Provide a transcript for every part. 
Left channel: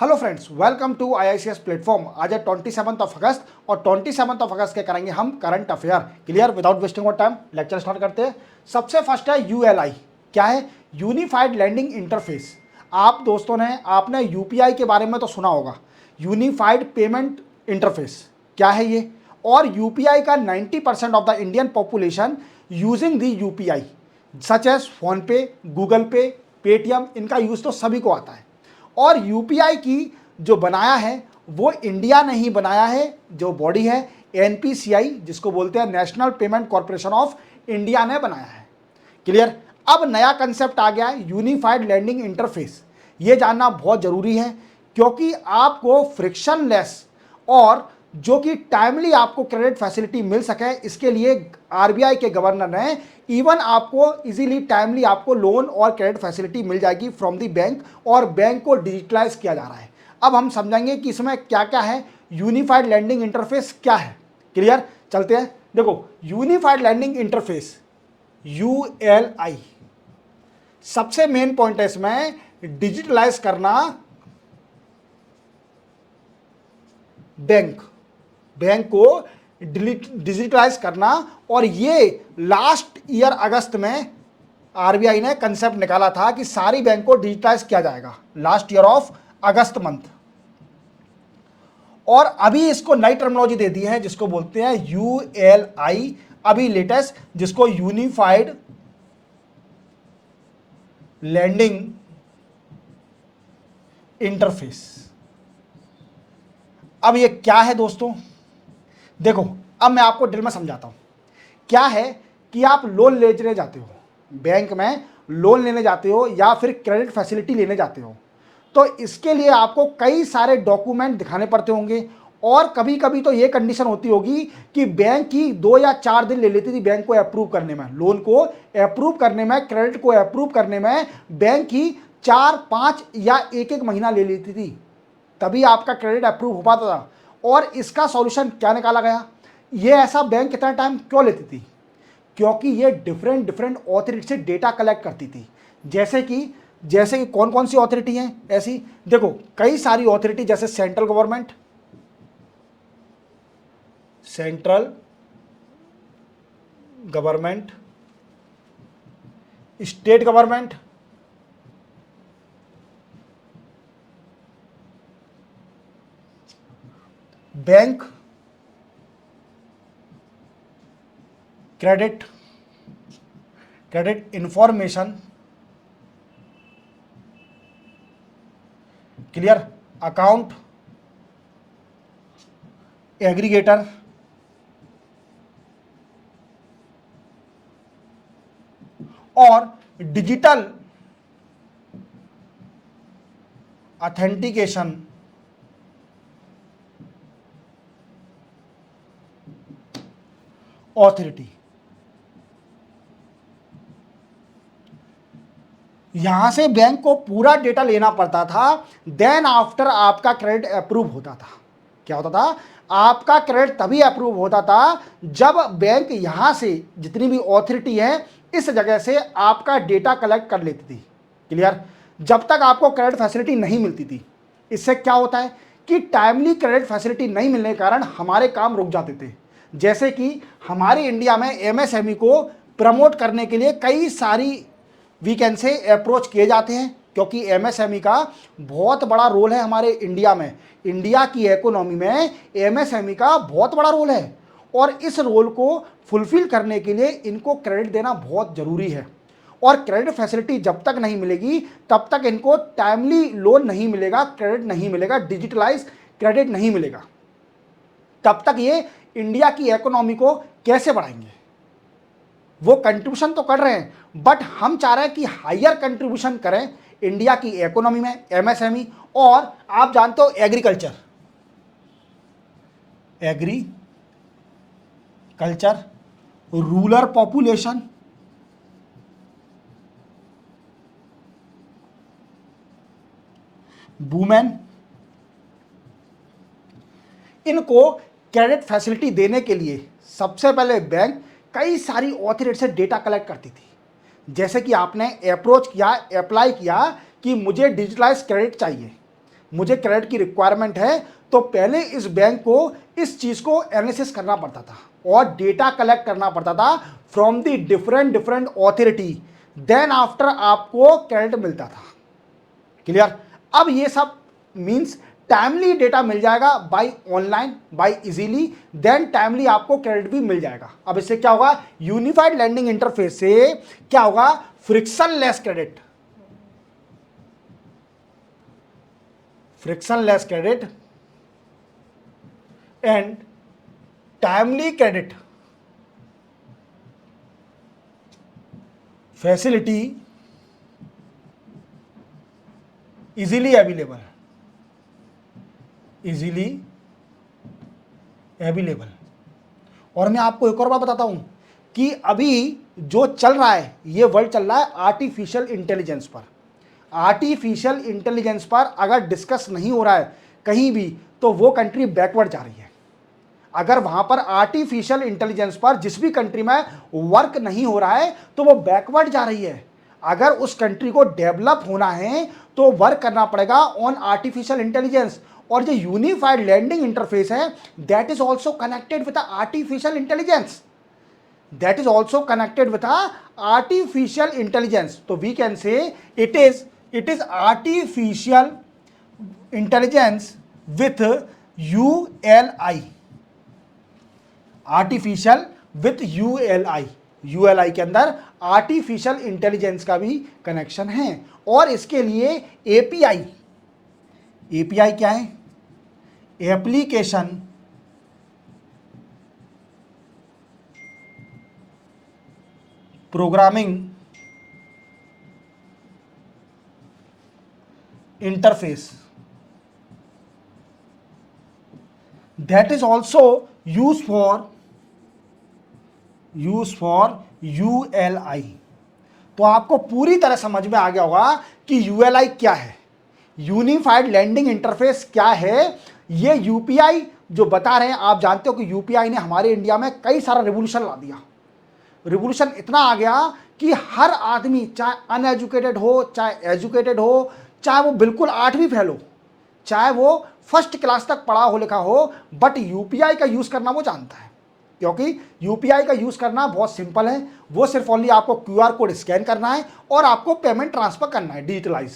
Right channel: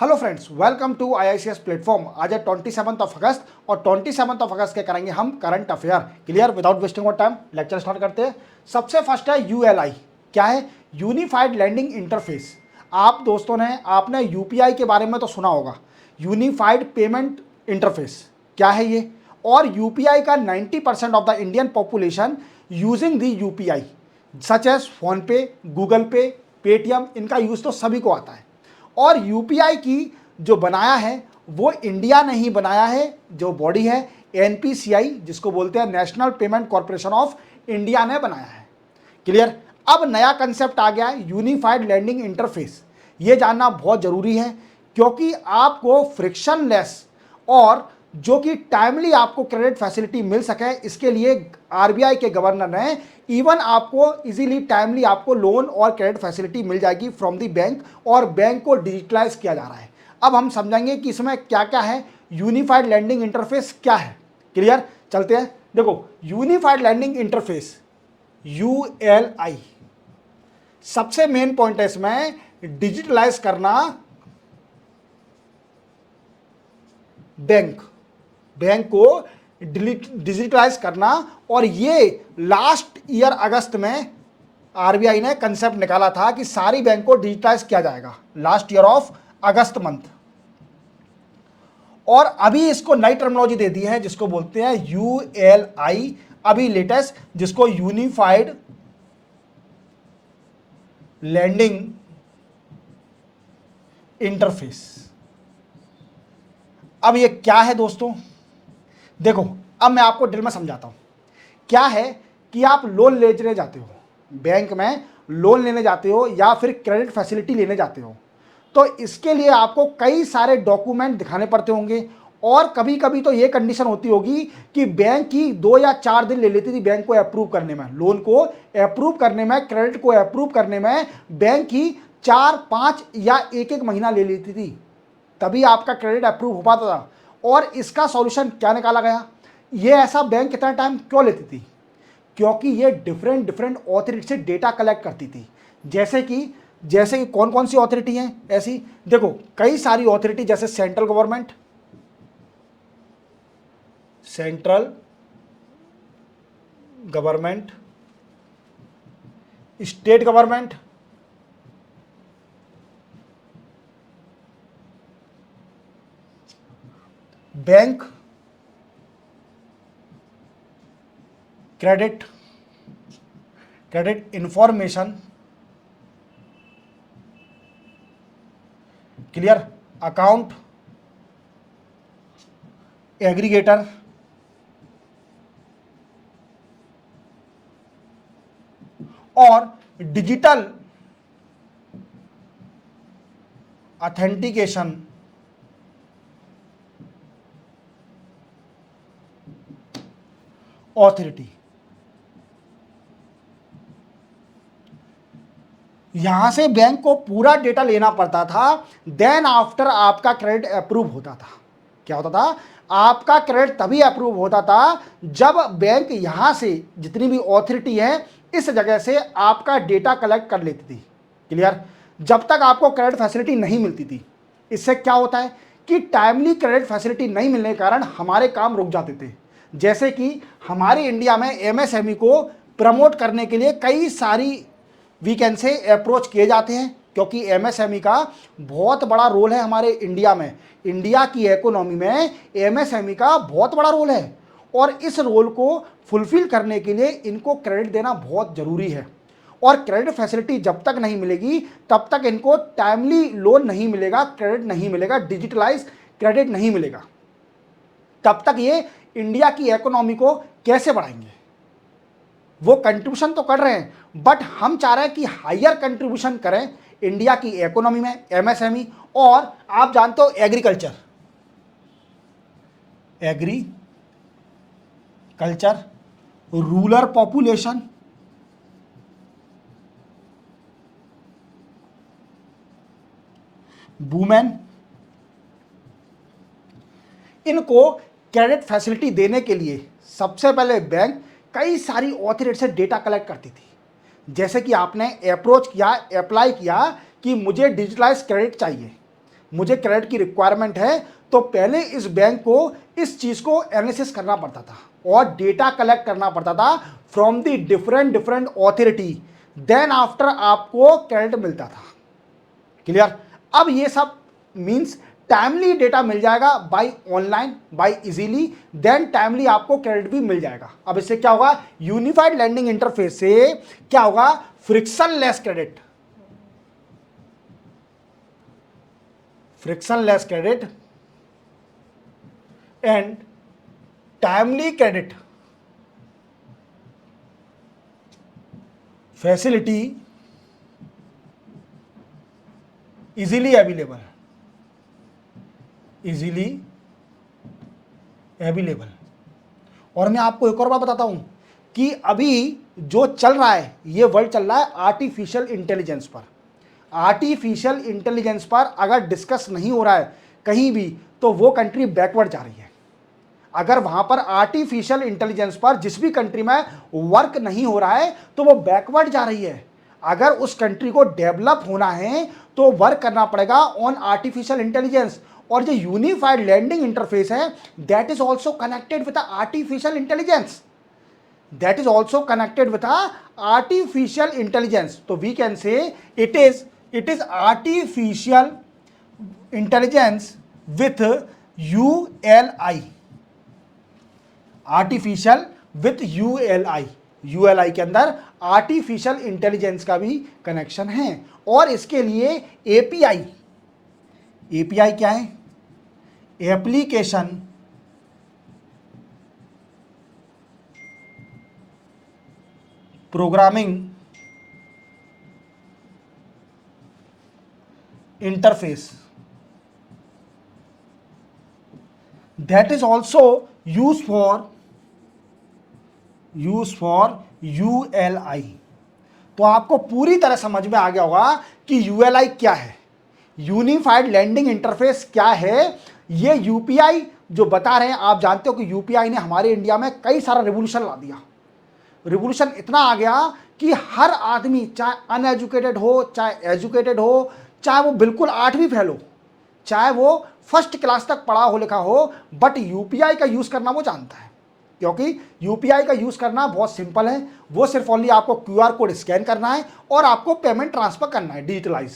Hello friends, welcome to IICS platform. आज है 27 अगस्त और 27 अगस्त के करेंगे हम current affair. Clear? Without wasting of time lecture start करते हैं। सबसे फर्स्ट है ULI। क्या है? Unified landing interface. आप दोस्तों ने आपने UPI के बारे में तो सुना होगा, यूनिफाइड पेमेंट इंटरफेस। क्या है ये? और UPI का 90% of the Indian population using the UPI such as PhonePe, Google pay, Paytm, इनका यूज़ तो सभी को आता है। और यूपीआई की जो बनाया है वो इंडिया ने ही बनाया है। जो बॉडी है NPCI, जिसको बोलते हैं national payment corporation of India, ने बनाया है। क्लियर? अब नया कंसेप्ट आ गया है यूनिफाइड लैंडिंग इंटरफेस। ये जानना बहुत जरूरी है क्योंकि आपको फ्रिक्शनलेस और जो कि टाइमली आपको क्रेडिट फैसिलिटी मिल सके, इसके लिए RBI के गवर्नर ने इवन आपको इजीली टाइमली आपको लोन और क्रेडिट फैसिलिटी मिल जाएगी फ्रॉम द बैंक, और बैंक को डिजिटलाइज किया जा रहा है। अब हम समझेंगे कि इसमें क्या क्या है, यूनिफाइड लैंडिंग इंटरफेस क्या है। क्लियर? चलते हैं। देखो, यूनिफाइड लैंडिंग इंटरफेस ULI, सबसे मेन पॉइंट है इसमें डिजिटलाइज करना बैंक को डिजिटलाइज करना। और ये लास्ट ईयर अगस्त में RBI ने कंसेप्ट निकाला था कि सारी बैंक को डिजिटलाइज किया जाएगा, last year of August month. और अभी इसको नई टर्मिनोलॉजी दे दी है जिसको बोलते हैं ULI, अभी लेटेस्ट, जिसको यूनिफाइड लैंडिंग इंटरफेस। अब ये क्या है दोस्तों? देखो, अब मैं आपको डिटेल में समझाता हूं। क्या है कि आप लोन लेने जाते हो, बैंक में लोन लेने जाते हो या फिर क्रेडिट फैसिलिटी लेने जाते हो, तो इसके लिए आपको कई सारे डॉक्यूमेंट दिखाने पड़ते होंगे। और कभी कभी तो ये कंडीशन होती होगी कि बैंक की 2 या 4 दिन ले लेती थी बैंक को अप्रूव करने में, लोन को अप्रूव करने में, क्रेडिट को अप्रूव करने में बैंक की 4-5 या 1-1 महीना ले लेती थी, तभी आपका क्रेडिट अप्रूव हो पाता था। और इसका सॉल्यूशन क्या निकाला गया? ये ऐसा बैंक कितना टाइम क्यों लेती थी? क्योंकि ये डिफरेंट डिफरेंट ऑथोरिटी से डेटा कलेक्ट करती थी। जैसे कि कौन कौन सी ऑथोरिटी हैं ऐसी? देखो, कई सारी ऑथोरिटी, जैसे central government, state government, bank, credit information, clear, account aggregator, और डिजिटल ऑथेंटिकेशन ऑथोरिटी। यहां से बैंक को पूरा डेटा लेना पड़ता था, देन आफ्टर आपका क्रेडिट अप्रूव होता था। क्या होता था? आपका क्रेडिट तभी अप्रूव होता था जब बैंक यहां से, जितनी भी ऑथोरिटी है, इस जगह से आपका डेटा कलेक्ट कर लेती थी। क्लियर? जब तक आपको क्रेडिट फैसिलिटी नहीं मिलती थी, इससे क्या होता है कि टाइमली क्रेडिट फैसिलिटी नहीं मिलने के कारण हमारे काम रुक जाते थे। जैसे कि हमारे इंडिया में MSME को प्रमोट करने के लिए कई सारी वीकेंड से अप्रोच किए जाते हैं, क्योंकि MSME का बहुत बड़ा रोल है हमारे इंडिया में। इंडिया की इकोनॉमी में MSME का बहुत बड़ा रोल है, और इस रोल को फुलफिल करने के लिए इनको क्रेडिट देना बहुत ज़रूरी है। और क्रेडिट फैसिलिटी जब तक नहीं मिलेगी तब तक इनको टाइमली लोन नहीं मिलेगा, क्रेडिट नहीं मिलेगा, डिजिटलाइज क्रेडिट नहीं मिलेगा, तब तक ये इंडिया की इकोनॉमी को कैसे बढ़ाएंगे? वो कंट्रीब्यूशन तो कर रहे हैं, बट हम चाह रहे हैं कि हायर कंट्रीब्यूशन करें इंडिया की इकोनॉमी में MSME। और आप जानते हो एग्रीकल्चर, रूरल पॉपुलेशन, वुमेन, इनको क्रेडिट फैसिलिटी देने के लिए सबसे पहले बैंक कई सारी ऑथोरिटी से डेटा कलेक्ट करती थी। जैसे कि आपने अप्रोच किया, अप्लाई किया कि मुझे डिजिटलाइज क्रेडिट चाहिए, मुझे क्रेडिट की रिक्वायरमेंट है, तो पहले इस बैंक को इस चीज को एनालिसिस करना पड़ता था और डेटा कलेक्ट करना पड़ता था from the different different authority, then after आपको क्रेडिट मिलता था। क्लियर? अब ये सब मींस टाइमली डेटा मिल जाएगा by online, by easily, then timely आपको क्रेडिट भी मिल जाएगा। अब इससे क्या होगा, यूनिफाइड लैंडिंग इंटरफेस से क्या होगा, frictionless credit, frictionless credit and timely credit facility easily available, easily available. और मैं आपको एक और बात बताता हूं कि अभी जो चल रहा है, ये वर्ल्ड चल रहा है आर्टिफिशियल इंटेलिजेंस पर। आर्टिफिशियल इंटेलिजेंस पर अगर डिस्कस नहीं हो रहा है कहीं भी, तो वो कंट्री बैकवर्ड जा रही है। अगर वहां पर आर्टिफिशियल इंटेलिजेंस पर जिस भी कंट्री में वर्क नहीं हो रहा है, तो वो बैकवर्ड जा रही है। अगर उस कंट्री को डेवलप होना है तो वर्क करना पड़ेगा ऑन आर्टिफिशियल इंटेलिजेंस। और जो यूनिफाइड लैंडिंग इंटरफेस है, that is also connected with artificial intelligence, that is also connected with a artificial intelligence. So we can say it is artificial intelligence with ULI, artificial with ULI, ULI के अंदर artificial intelligence का भी connection है। और इसके लिए API, API क्या है, application programming interface, that is also use for ULI। तो आपको पूरी तरह समझ में आ गया होगा कि ULI क्या है, यूनिफाइड लैंडिंग इंटरफेस क्या है। ये UPI जो बता रहे हैं, आप जानते हो कि UPI ने हमारे इंडिया में कई सारा रिवोल्यूशन ला दिया। रिवोल्यूशन इतना आ गया कि हर आदमी, चाहे अनएजुकेटेड हो चाहे एजुकेटेड हो, चाहे वो बिल्कुल 8वीं फेल हो, चाहे वो फर्स्ट क्लास तक पढ़ा हो लिखा हो, बट UPI का यूज करना वो जानता है। क्योंकि UPI का यूज करना बहुत सिंपल है, वो सिर्फ ओनली आपको QR कोड स्कैन करना है और आपको पेमेंट ट्रांसफर करना है डिजिटलाइज।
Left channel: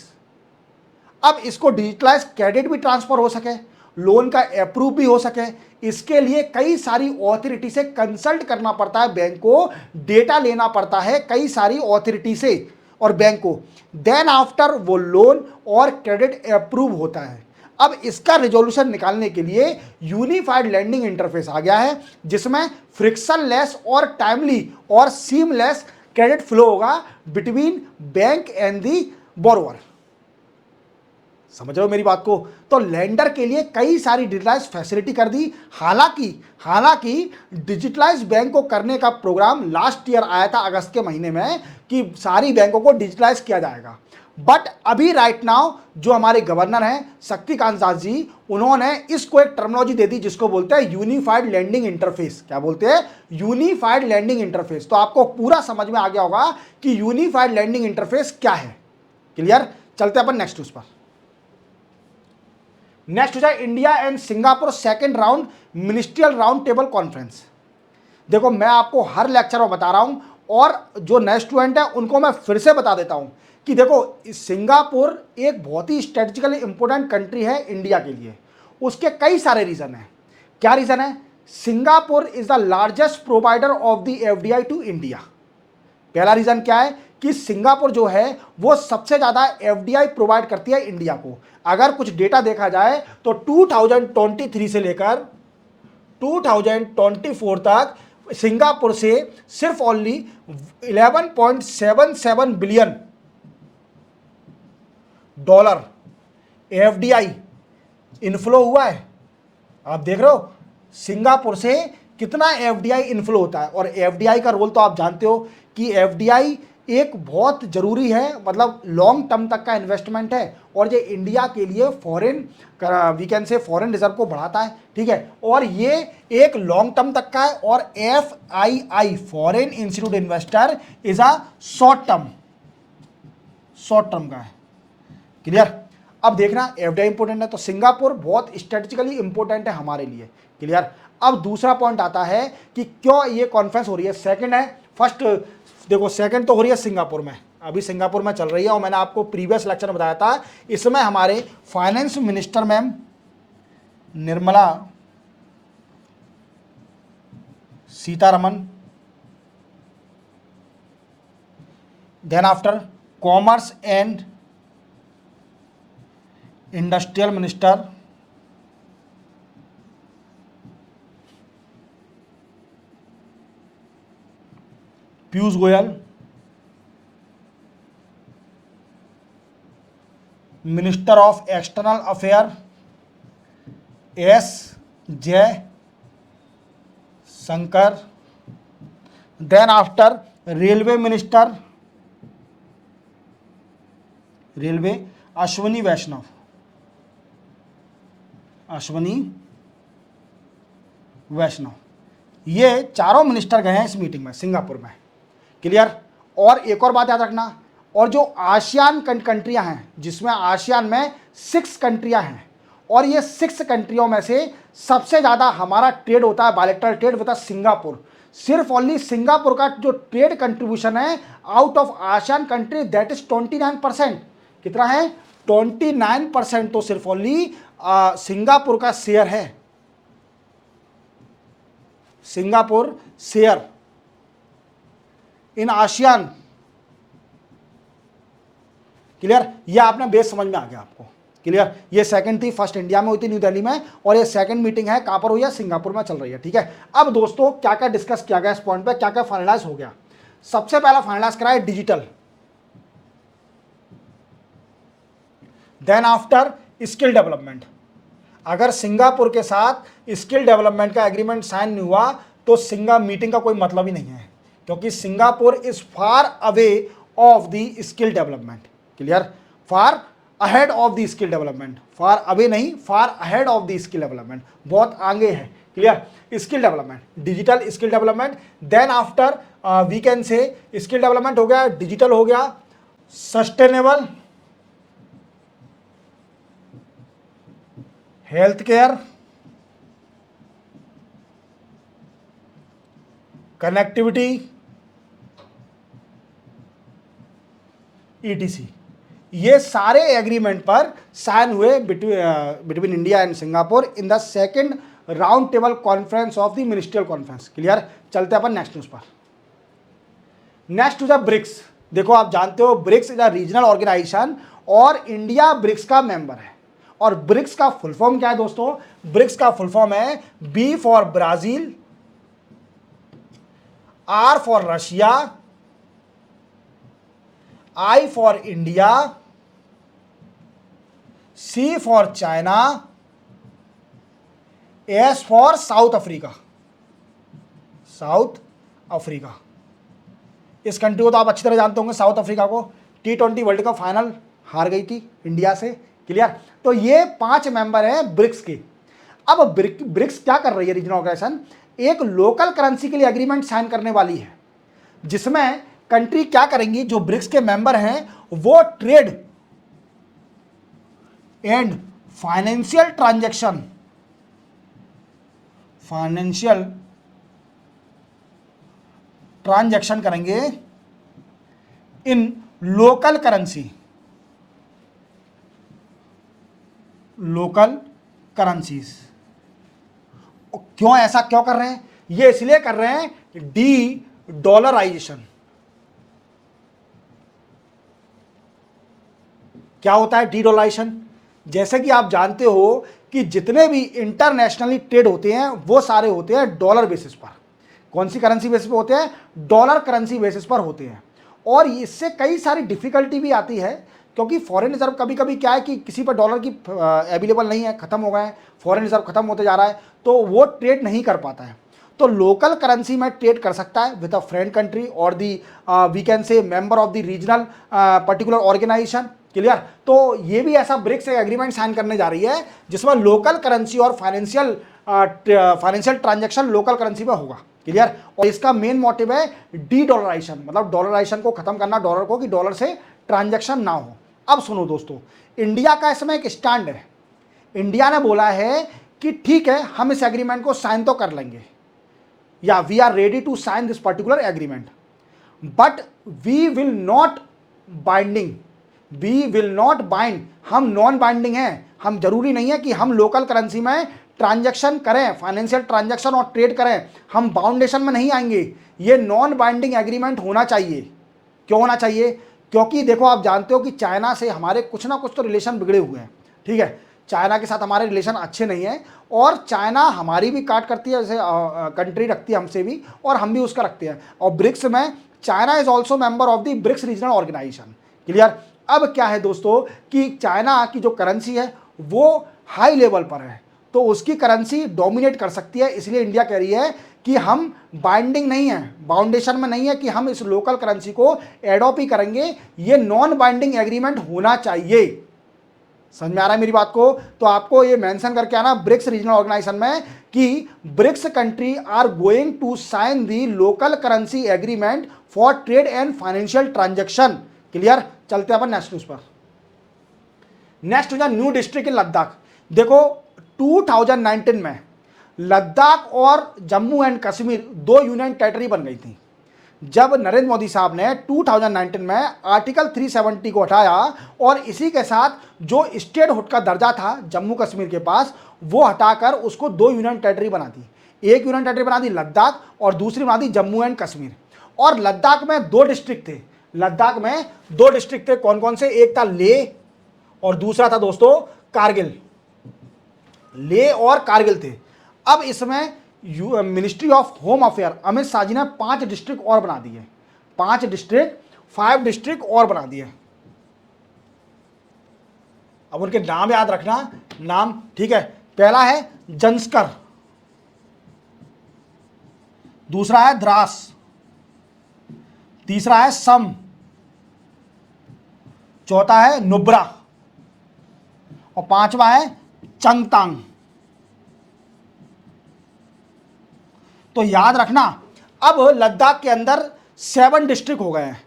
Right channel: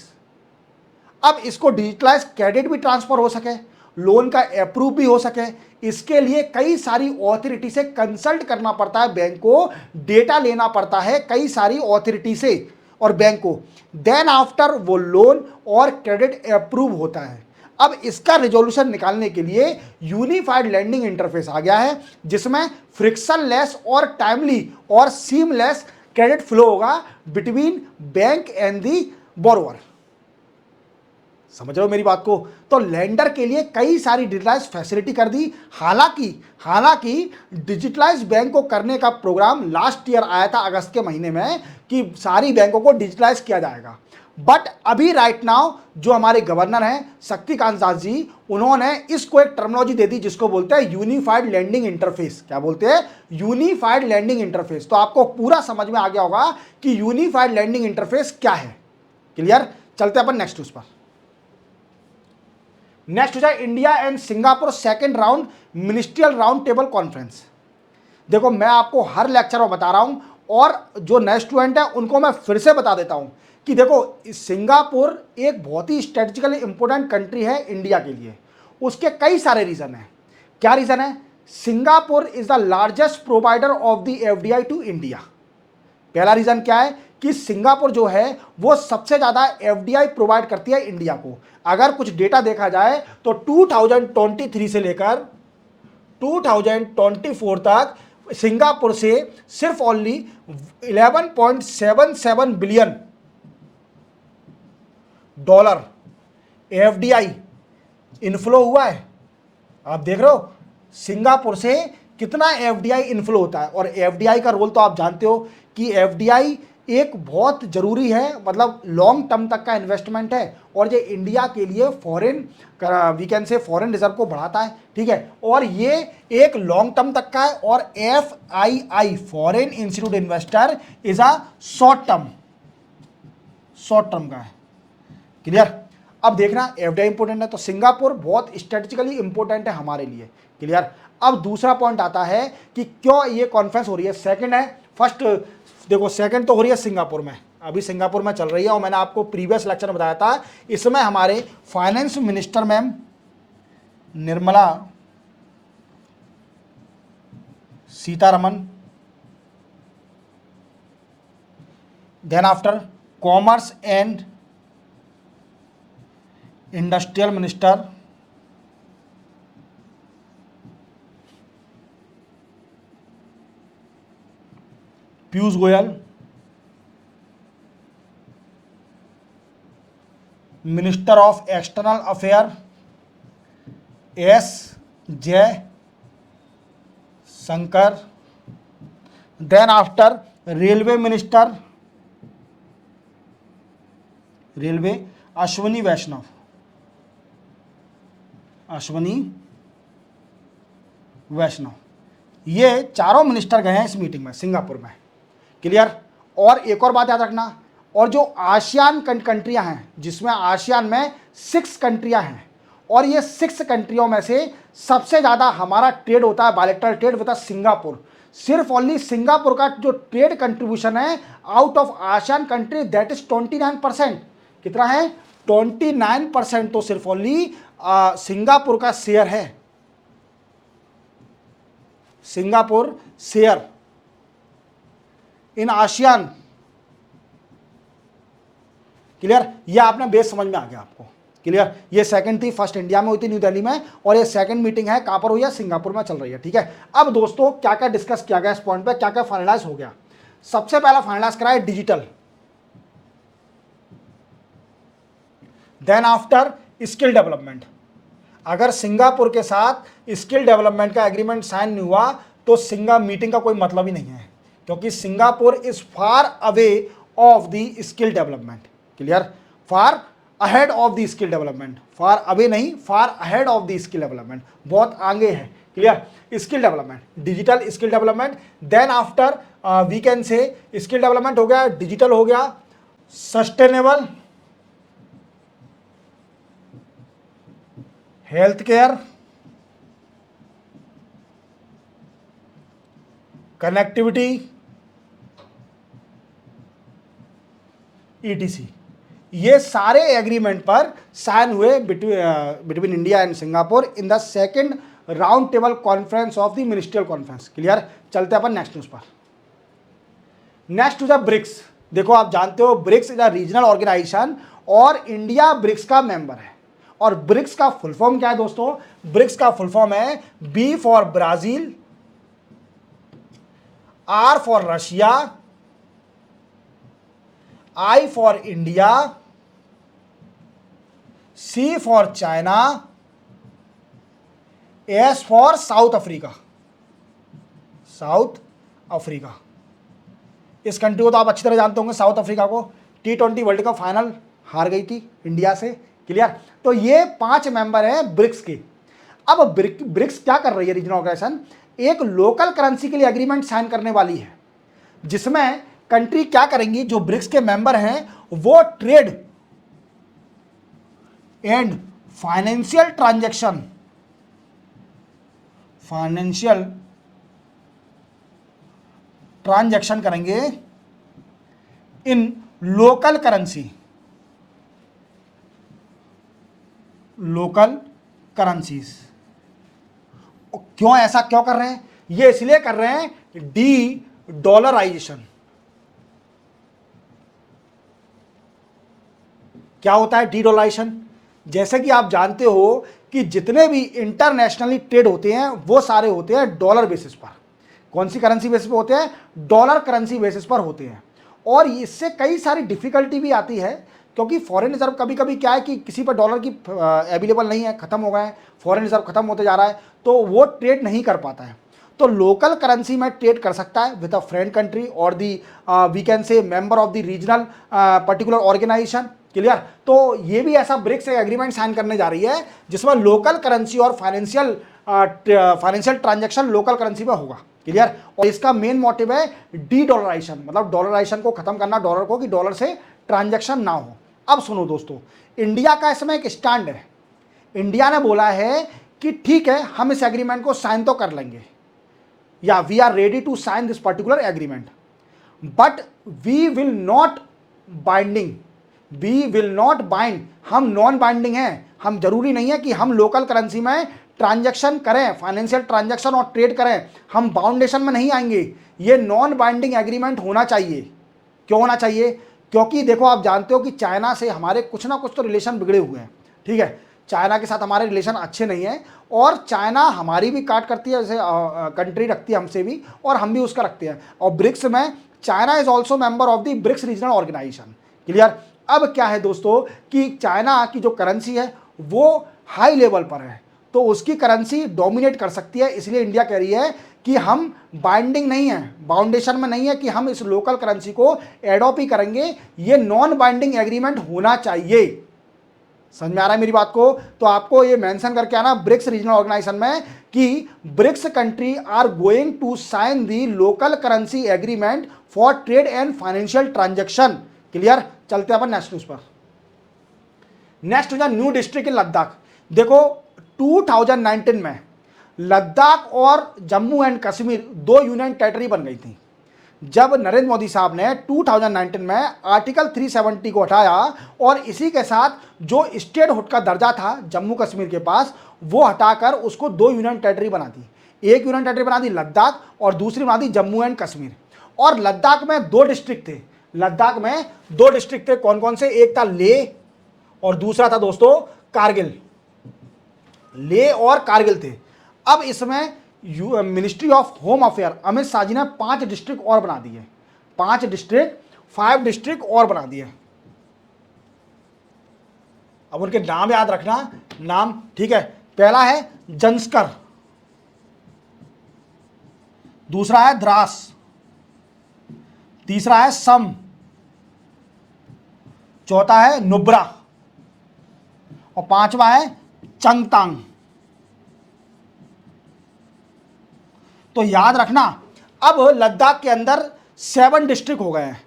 अब इसको डिजिटलाइज क्रेडिट भी ट्रांसफर हो सके, लोन का अप्रूव भी हो सके, इसके लिए कई सारी ऑथोरिटी से कंसल्ट करना पड़ता है बैंक को, डेटा लेना पड़ता है कई सारी ऑथोरिटी से और बैंक को, देन आफ्टर वो लोन और क्रेडिट अप्रूव होता है। अब इसका रिजोल्यूशन निकालने के लिए यूनिफाइड लैंडिंग इंटरफेस आ गया है, जिसमें फ्रिक्शनलेस और टाइमली और सीमलेस क्रेडिट फ्लो होगा between bank and the borrower. समझ रहे हो मेरी बात को? तो लेंडर के लिए कई सारी डिजिटलाइज फैसिलिटी कर दी। हालांकि डिजिटलाइज बैंक को करने का प्रोग्राम लास्ट ईयर आया था अगस्त के महीने में कि सारी बैंकों को डिजिटलाइज किया जाएगा, बट अभी राइट नाउ जो हमारे गवर्नर हैं शक्तिकांत दास जी, उन्होंने इसको एक टर्मिनोलॉजी दे दी जिसको बोलते हैं यूनिफाइड लैंडिंग इंटरफेस। क्या बोलते हैं? Unified landing interface. तो आपको पूरा समझ में आ गया होगा कि यूनिफाइड लैंडिंग इंटरफेस क्या है। क्लियर? चलते अपन नेक्स्ट इसमें। नेक्स्ट है India and Singapore second round ministerial round table conference. देखो मैं आपको हर लेक्चर में बता रहा हूं और जो नए स्टूडेंट है उनको मैं फिर से बता देता हूं कि देखो सिंगापुर एक बहुत ही स्ट्रेटेजिकली इंपॉर्टेंट कंट्री है इंडिया के लिए। उसके कई सारे रीजन हैं। क्या रीजन है? Singapore is the largest provider of the FDI to India. पहला रीजन क्या है कि सिंगापुर जो है वो सबसे ज्यादा FDI प्रोवाइड करती है इंडिया को। अगर कुछ डेटा देखा जाए तो 2023 से लेकर 2024 तक सिंगापुर से सिर्फ only 11.77 billion dollar FDI inflow हुआ है। आप देख रहे हो सिंगापुर से कितना FDI इनफ्लो होता है। और FDI का रोल तो आप जानते हो कि FDI एक बहुत जरूरी है, मतलब लॉन्ग टर्म तक का इन्वेस्टमेंट है और ये इंडिया के लिए foreign we can say foreign reserve को बढ़ाता है। ठीक है, और ये एक लॉन्ग टर्म तक का है। और FII foreign institute investor is a short term का। क्लियर? अब देखना एफडीआई इंपॉर्टेंट है तो सिंगापुर बहुत स्ट्रेटेजिकली इंपॉर्टेंट है हमारे लिए। क्लियर। अब दूसरा पॉइंट आता है कि क्यों ये कॉन्फ्रेंस हो रही है। सेकंड है, फर्स्ट देखो सेकंड तो हो रही है सिंगापुर में, अभी सिंगापुर में चल रही है और मैंने आपको प्रीवियस लेक्चर में बताया था, इसमें हमारे finance minister ma'am Nirmala Sitharaman, then after commerce and industrial minister Piyush Goyal, minister of external affair S Jaishankar, then after railway minister railway Ashwini Vaishnaw, Ashwini Vaishnaw. ये चारों मिनिस्टर गए हैं इस मीटिंग में सिंगापुर में। क्लियर। और एक और बात याद रखना, और जो आसियान कंट्रियां हैं, जिसमें आसियान में 6 कंट्रियां हैं, और ये 6 कंट्रियों में से सबसे ज्यादा हमारा ट्रेड होता है, बायलैटरल ट्रेड होता है सिंगापुर। सिर्फ ओनली सिंगापुर का जो ट्रेड कंट्रीब्यूशन है out of ASEAN country that is 29%। कितना है? 29% तो सिर्फ ओनली सिंगापुर का शेयर है। Singapore share in ASEAN. Clear. ये आपने बेस समझ में आ गया आपको। क्लियर। ये सेकंड थी, फर्स्ट इंडिया में हुई थी न्यू दिल्ली में, और ये सेकंड मीटिंग है कहां पर हुई है? सिंगापुर में चल रही है। ठीक है। अब दोस्तों क्या क्या डिस्कस किया गया इस पॉइंट पे, क्या क्या फाइनलाइज हो गया? सबसे पहला फाइनलाइज करा है digital, then after skill development. अगर सिंगापुर के साथ स्किल डेवलपमेंट का एग्रीमेंट साइन नहीं हुआ तो मीटिंग का कोई मतलब ही नहीं है, क्योंकि Singapore is far away of the skill development. Clear. Far ahead of the skill development, far away नहीं, far ahead of the skill development, बहुत आगे है। Clear. Skill development, digital skill development, then after we can say skill development हो गया, digital हो गया, sustainable health care, connectivity, ETC. ये सारे एग्रीमेंट पर साइन हुए between India and Singapore in the second round table conference of the ministerial conference. Clear. चलते अपन नेक्स्ट न्यूज पर। Next to the BRICS. देखो आप जानते हो BRICS is a regional organisation और इंडिया ब्रिक्स का मेंबर है। और ब्रिक्स का फुल फॉर्म क्या है दोस्तों? ब्रिक्स का फुल फॉर्म है B for Brazil, R for Russia, I for India, C for China, S for South Africa. South Africa, इस कंट्री को तो आप अच्छी तरह जानते होंगे। साउथ अफ्रीका को T20 वर्ल्ड कप फाइनल हार गई थी इंडिया से। क्लियर। तो ये 5 मेंबर हैं ब्रिक्स के। अब ब्रिक्स क्या कर रही है? रीजनल ऑर्गेनाइजेशन एक लोकल करेंसी के लिए एग्रीमेंट साइन करने वाली है, जिसमें कंट्री क्या करेंगी, जो ब्रिक्स के मेंबर हैं वो ट्रेड एंड फाइनेंशियल ट्रांजैक्शन करेंगे इन लोकल करेंसीज। क्यों ऐसा क्यों कर रहे हैं? ये इसलिए कर रहे हैं डी डॉलराइजेशन। क्या होता है डी डॉलराइजेशन? जैसे कि आप जानते हो कि जितने भी इंटरनेशनली ट्रेड होते हैं वो सारे होते हैं डॉलर बेसिस पर। कौन सी करेंसी बेसिस पर होते हैं? डॉलर करेंसी बेसिस पर होते हैं। और इससे कई सारी डिफिकल्टी भी आती है, क्योंकि फॉरेन रिजर्व कभी कभी क्या है कि किसी पर डॉलर की अवेलेबल नहीं है, खत्म हो गए हैं, फॉरेन रिजर्व खत्म होते जा रहा है, तो वो ट्रेड नहीं कर पाता है। तो लोकल करेंसी में ट्रेड कर सकता है विद अ फ्रेंड कंट्री और the we can say member of the regional particular organization. Clear. तो ये भी ऐसा ब्रिक्स एग्रीमेंट साइन करने जा रही है जिसमें लोकल करेंसी और फाइनेंशियल ट्रांजैक्शन लोकल करेंसी में होगा। क्लियर। और इसका मेन मोटिव है डी डॉलराइजेशन, मतलब डॉलराइजेशन को खत्म करना, डॉलर को, कि डॉलर से ट्रांजैक्शन ना हो। अब सुनो दोस्तों, इंडिया का इसमें एक स्टैंड है। इंडिया ने बोला है कि ठीक है, हम इस एग्रीमेंट को साइन तो कर लेंगे, या we are ready to sign this particular agreement, but we will not binding, we will not bind, हम नॉन बाइंडिंग हैं। हम जरूरी नहीं है कि हम लोकल करेंसी में ट्रांजैक्शन करें, फाइनेंशियल ट्रांजैक्शन और ट्रेड करें, हम बाउंडेशन में नहीं आएंगे। ये नॉन बाइंडिंग एग्रीमेंट होना चाहिए। क्यों होना चाहिए? क्योंकि देखो, आप जानते हो कि चाइना से हमारे कुछ ना कुछ तो रिलेशन बिगड़े हुए हैं, ठीक है। चाइना के साथ हमारे रिलेशन अच्छे नहीं हैं, और चाइना हमारी भी काट करती है, जैसे कंट्री रखती है हमसे भी, और हम भी उसका रखते हैं। और ब्रिक्स में China is also member of the BRICS regional organisation. Clear? अब क्या है दोस्तों कि चाइना की जो करेंसी है वो हाई लेवल पर है, तो उसकी करेंसी डोमिनेट कर सकती है। इसलिए इंडिया कह रही है कि हम बाइंडिंग नहीं है, बाउंडेशन में नहीं है कि हम इस लोकल करेंसी को एडॉप्ट ही करेंगे। ये नॉन बाइंडिंग एग्रीमेंट होना चाहिए। समझ में आ रहा है मेरी बात को? तो आपको ये मेंशन करके आना ब्रिक्स रीजनल ऑर्गेनाइजेशन में कि BRICS country are going to sign the local currency agreement for trade and financial transaction. Clear? चलते हैं अपन नेक्स्ट न्यूज पर। Next news, new district in Ladakh. देखो 2019 में लद्दाख और जम्मू एंड कश्मीर दो यूनियन टेरिटरी बन गई थी। जब नरेंद्र मोदी साहब ने 2019 में आर्टिकल 370 को हटाया और इसी के साथ जो स्टेटहुड का दर्जा था जम्मू कश्मीर के पास, वो हटाकर उसको दो यूनियन टेरिटरी बना दी। एक यूनियन टेरिटरी बना दी लद्दाख और दूसरी बना दी जम्मू एंड कश्मीर। और लद्दाख में दो डिस्ट्रिक्ट थे। लद्दाख में दो डिस्ट्रिक्ट थे, कौन कौन से? एक था लेह और दूसरा था दोस्तों कारगिल। लेह और कारगिल थे। अब इसमें ministry of home affair Amit Shah ji ने 5 डिस्ट्रिक्ट और बना दिए। 5 डिस्ट्रिक्ट, 5 डिस्ट्रिक्ट और बना दिए। अब उनके नाम याद रखना, नाम, ठीक है। पहला है जंस्कर, दूसरा है द्रास, तीसरा है सम, चौथा है नुब्रा और पांचवा है चंगतांग। तो याद रखना, अब लद्दाख के अंदर 7 डिस्ट्रिक्ट हो गए हैं।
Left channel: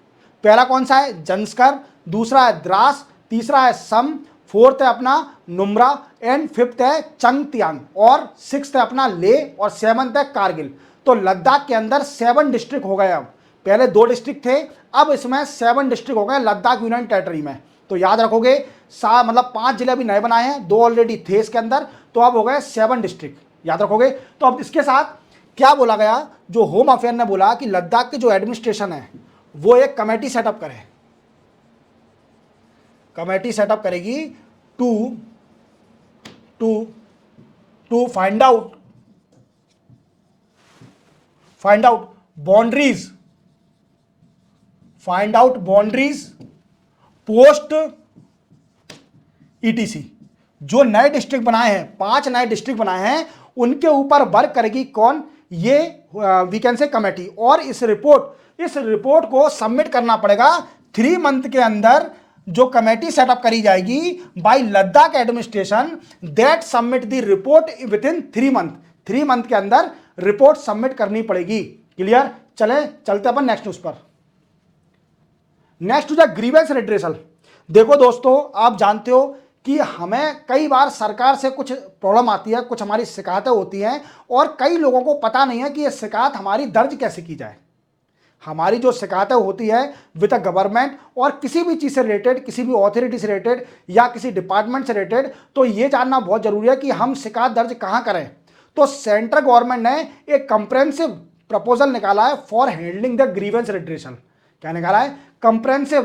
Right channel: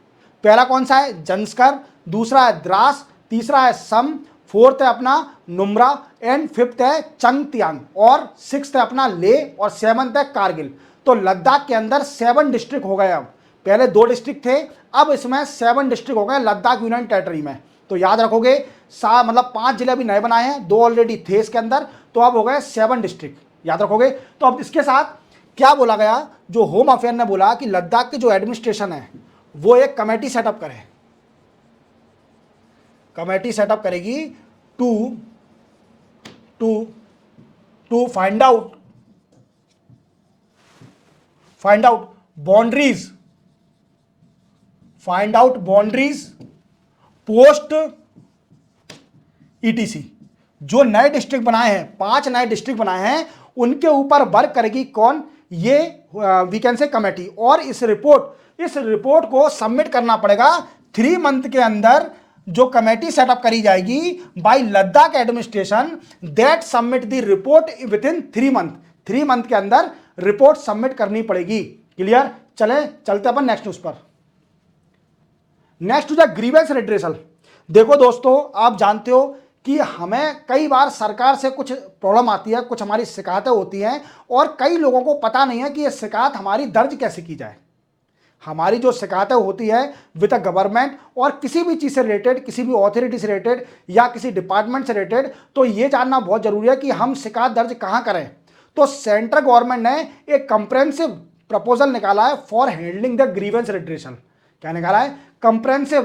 पहला कौन सा है? जंस्कर, दूसरा है द्रास, तीसरा है सम, फोर्थ है अपना नुम्रा एंड फिफ्थ है चंगतियांग और सिक्स्थ है अपना ले और सेवंथ है कारगिल। तो लद्दाख के अंदर 7 डिस्ट्रिक्ट हो गए। अब पहले 2 डिस्ट्रिक्ट थे, अब इसमें 7 डिस्ट्रिक्ट हो गए लद्दाख यूनियन टेरिटरी में। तो याद रखोगे, मतलब 5 जिले अभी नए बनाए हैं, 2 ऑलरेडी थे इसके अंदर, तो अब हो गए 7 डिस्ट्रिक्ट। याद रखोगे। तो अब इसके साथ क्या बोला गया? जो होम अफेयर ने बोला कि लद्दाख के जो एडमिनिस्ट्रेशन है वो एक कमेटी सेटअप करे, कमेटी सेटअप करेगी to to to find out boundaries, post etc. जो नए डिस्ट्रिक्ट बनाए हैं, 5 नए डिस्ट्रिक्ट बनाए हैं, उनके ऊपर वर्क करेगी कौन? ये वी कैन से कमेटी। और इस रिपोर्ट को सबमिट करना पड़ेगा 3 मंथ के अंदर। जो कमेटी सेटअप करी जाएगी by Ladakh administration, that submit the report within 3 month. 3 month के अंदर रिपोर्ट सबमिट करनी पड़ेगी। क्लियर? चलते अपन नेक्स्ट न्यूज पर। Next to the grievance redressal. देखो दोस्तों, आप जानते हो कि हमें कई बार सरकार से कुछ प्रॉब्लम आती है, कुछ हमारी शिकायतें होती हैं, और कई लोगों को पता नहीं है कि ये शिकायत हमारी दर्ज कैसे की जाए। हमारी जो शिकायतें होती है विद द गवर्नमेंट और किसी भी चीज से रिलेटेड, किसी भी अथॉरिटी से रिलेटेड या किसी डिपार्टमेंट से रिलेटेड, तो ये जानना बहुत जरूरी है कि हम शिकायत दर्ज कहाँ करें। तो सेंट्रल गवर्नमेंट ने एक कंप्रेहेंसिव प्रपोजल निकाला है for handling the grievance redressal. क्या निकाला है? Comprehensive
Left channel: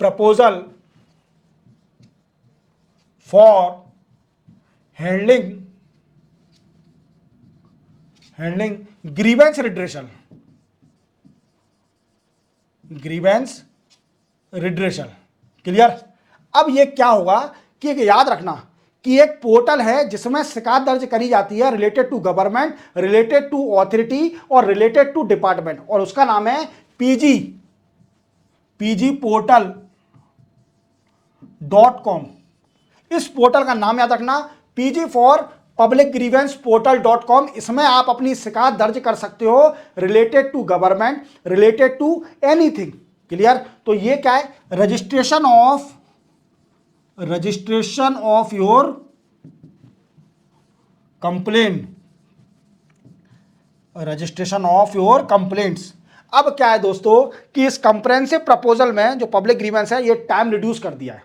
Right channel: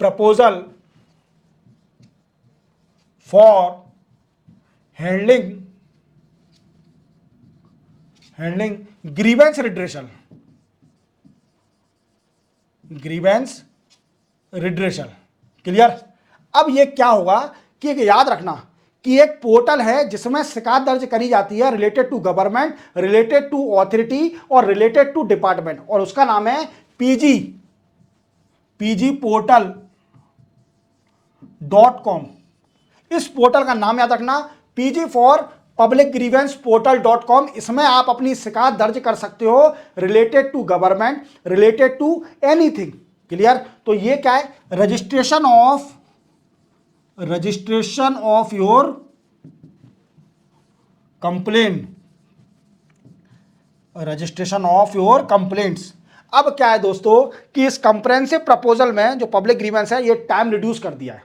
proposal for handling grievance redressal. Clear? अब ये क्या होगा कि याद रखना कि एक पोर्टल है जिसमें शिकायत दर्ज करी जाती है related to government, related to authority और रिलेटेड टू डिपार्टमेंट, और उसका नाम है pgportal.com। इस पोर्टल का नाम याद रखना, PG फॉर publicgrievanceportal.com, इसमें आप अपनी शिकायत दर्ज कर सकते हो related to government, related to anything. Clear? तो ये क्या है? Registration of your complaint, registration of your complaints. अब क्या है दोस्तों कि इस कंप्रेहेंसिव प्रपोजल में जो पब्लिक ग्रीवेंस है ये टाइम रिड्यूस कर दिया है।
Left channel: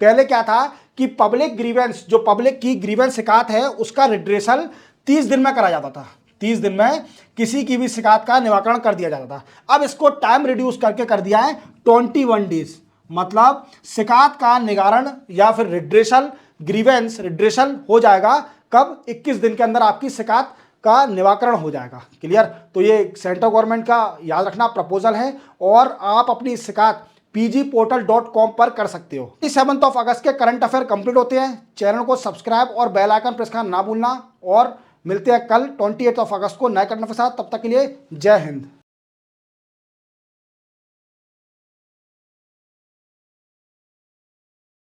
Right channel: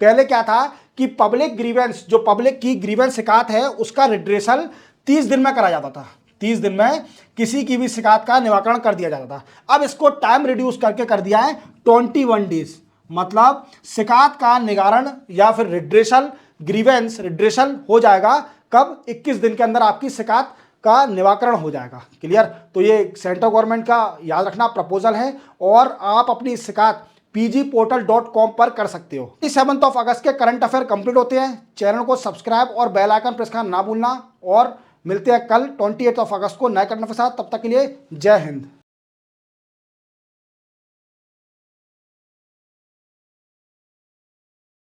पहले क्या था कि पब्लिक ग्रीवेंस, जो पब्लिक की ग्रीवेंस शिकायत है उसका रिड्रेसल 30 दिन में करा जाता था, 30 दिन में किसी की भी शिकायत का निराकरण कर दिया जाता था। अब इसको टाइम रिड्यूस करके कर दिया है 21 डेज, मतलब शिकायत का निवारण या फिर रिड्रेसल, ग्रीवेंस रिड्रेसल हो जाएगा कब? 21 दिन के अंदर आपकी शिकायत का निराकरण हो जाएगा। क्लियर? तो ये सेंट्रल गवर्नमेंट का याद रखना प्रपोजल है और आप अपनी शिकायत pgportal.com पर कर सकते हो। 27 अगस्त के करंट अफेयर कंप्लीट होते हैं। चैनल को सब्सक्राइब और बेल आइकन प्रेस करना ना भूलना और मिलते हैं कल 28 अगस्त को नए करंट अफेयर के साथ। तब तक के लिए जय हिंद।